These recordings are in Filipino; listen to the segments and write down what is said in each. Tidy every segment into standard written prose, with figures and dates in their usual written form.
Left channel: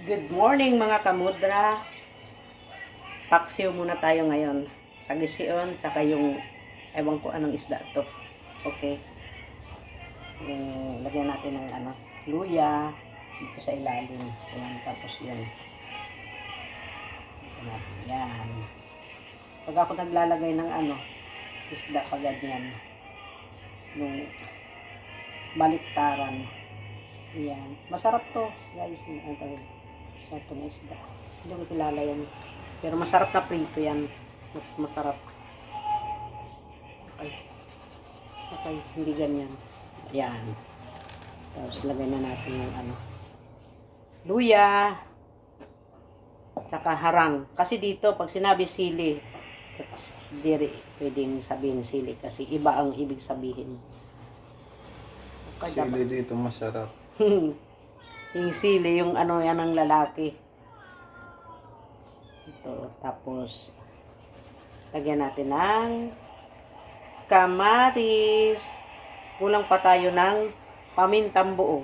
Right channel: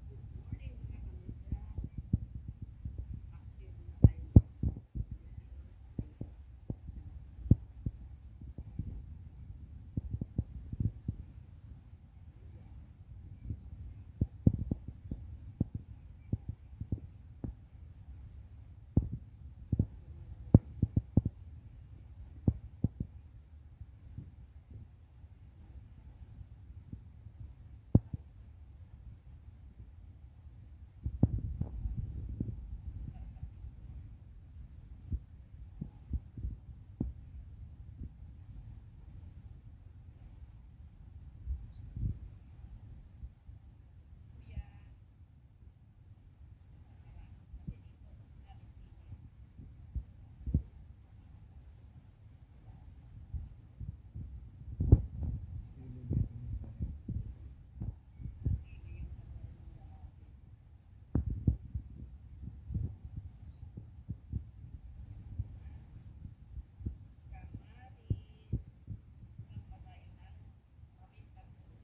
Good morning mga kamudra. Paksiw muna tayo ngayon. Sa gision, tsaka yung ewan ko anong isda to. Okay. Lagyan natin ng luya dito sa ilalim. Ayan, tapos yan. Yan. Pag ako naglalagay ng isda pa ganyan. Yung baliktaran. Yan. Masarap to, guys. Ito na isda. Hindi ko kilala yan. Pero masarap na prito yan. Masarap. Okay. Hindi ganyan. Yan. Tapos lagay na natin yung luya. Tsaka harang. Kasi dito, pag sinabi sili, hindi pwedeng sabihin sili. Kasi iba ang ibig sabihin. Sili dito masarap. Yung sili, yung yan ang lalaki. Ito, tapos lagyan natin ng kamatis. Kulang pa tayo ng pamintang buo.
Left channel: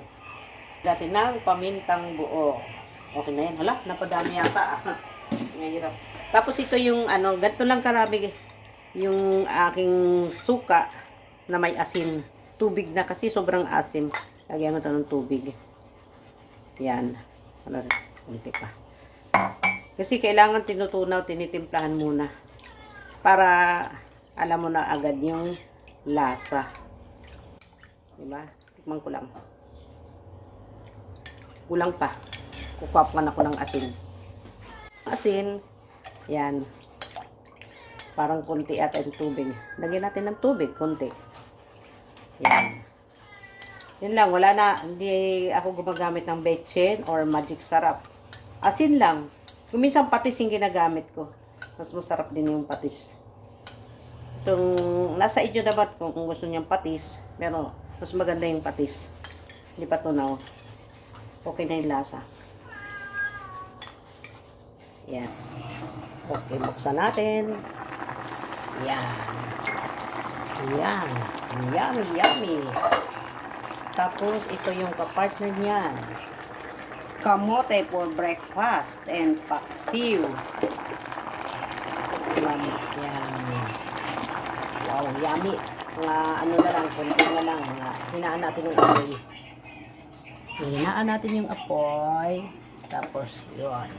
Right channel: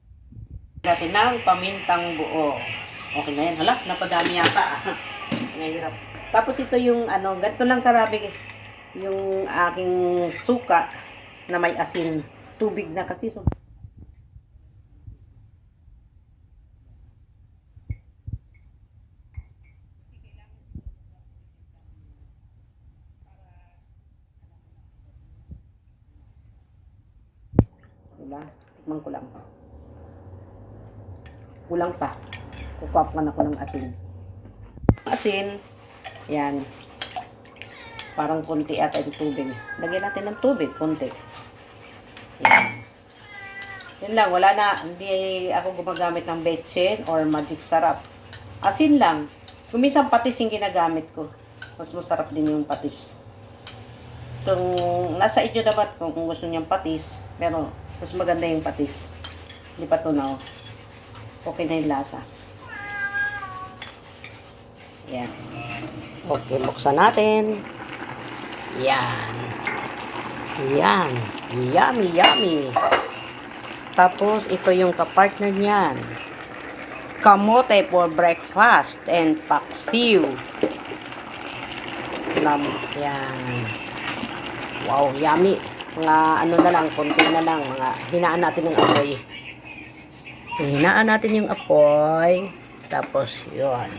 Natin ng pamintang buo. Okay na yan. Hala, napadami yata. Nahirap. Tapos ito yung ganito lang karami yung aking suka na may asin. Tubig na kasi sobrang asim. Lagyan mo ito ng tubig. Yan. Kunti pa. Kasi kailangan tinutunaw, tinitimplahan muna. Para alam mo na agad yung lasa. Diba? Tikman ko lang. Kulang pa. Kukuha ako ng asin. Asin. Yan. Parang kunti ata yung tubig. Lagyan natin ng tubig. Kunti. Yan. Yun lang, wala na. Hindi ako gumagamit ng betchin or magic sarap. Asin lang. Kung minsan patis yung ginagamit ko. Mas masarap din yung patis. Kung nasa inyo dapat kung gusto niyang patis, pero mas maganda yung patis. Hindi pa tunaw. Okay na yung lasa. Yan. Okay, buksan natin. Yan. Yan. Yummy, yummy. Tapos, ito yung kapartner niyan. Kamote for breakfast and paksiw. Yan. Wow, yummy. Mga na lang, konti na lang. Hinaan natin yung apoy. Hinaan natin yung apoy. Tapos, yun.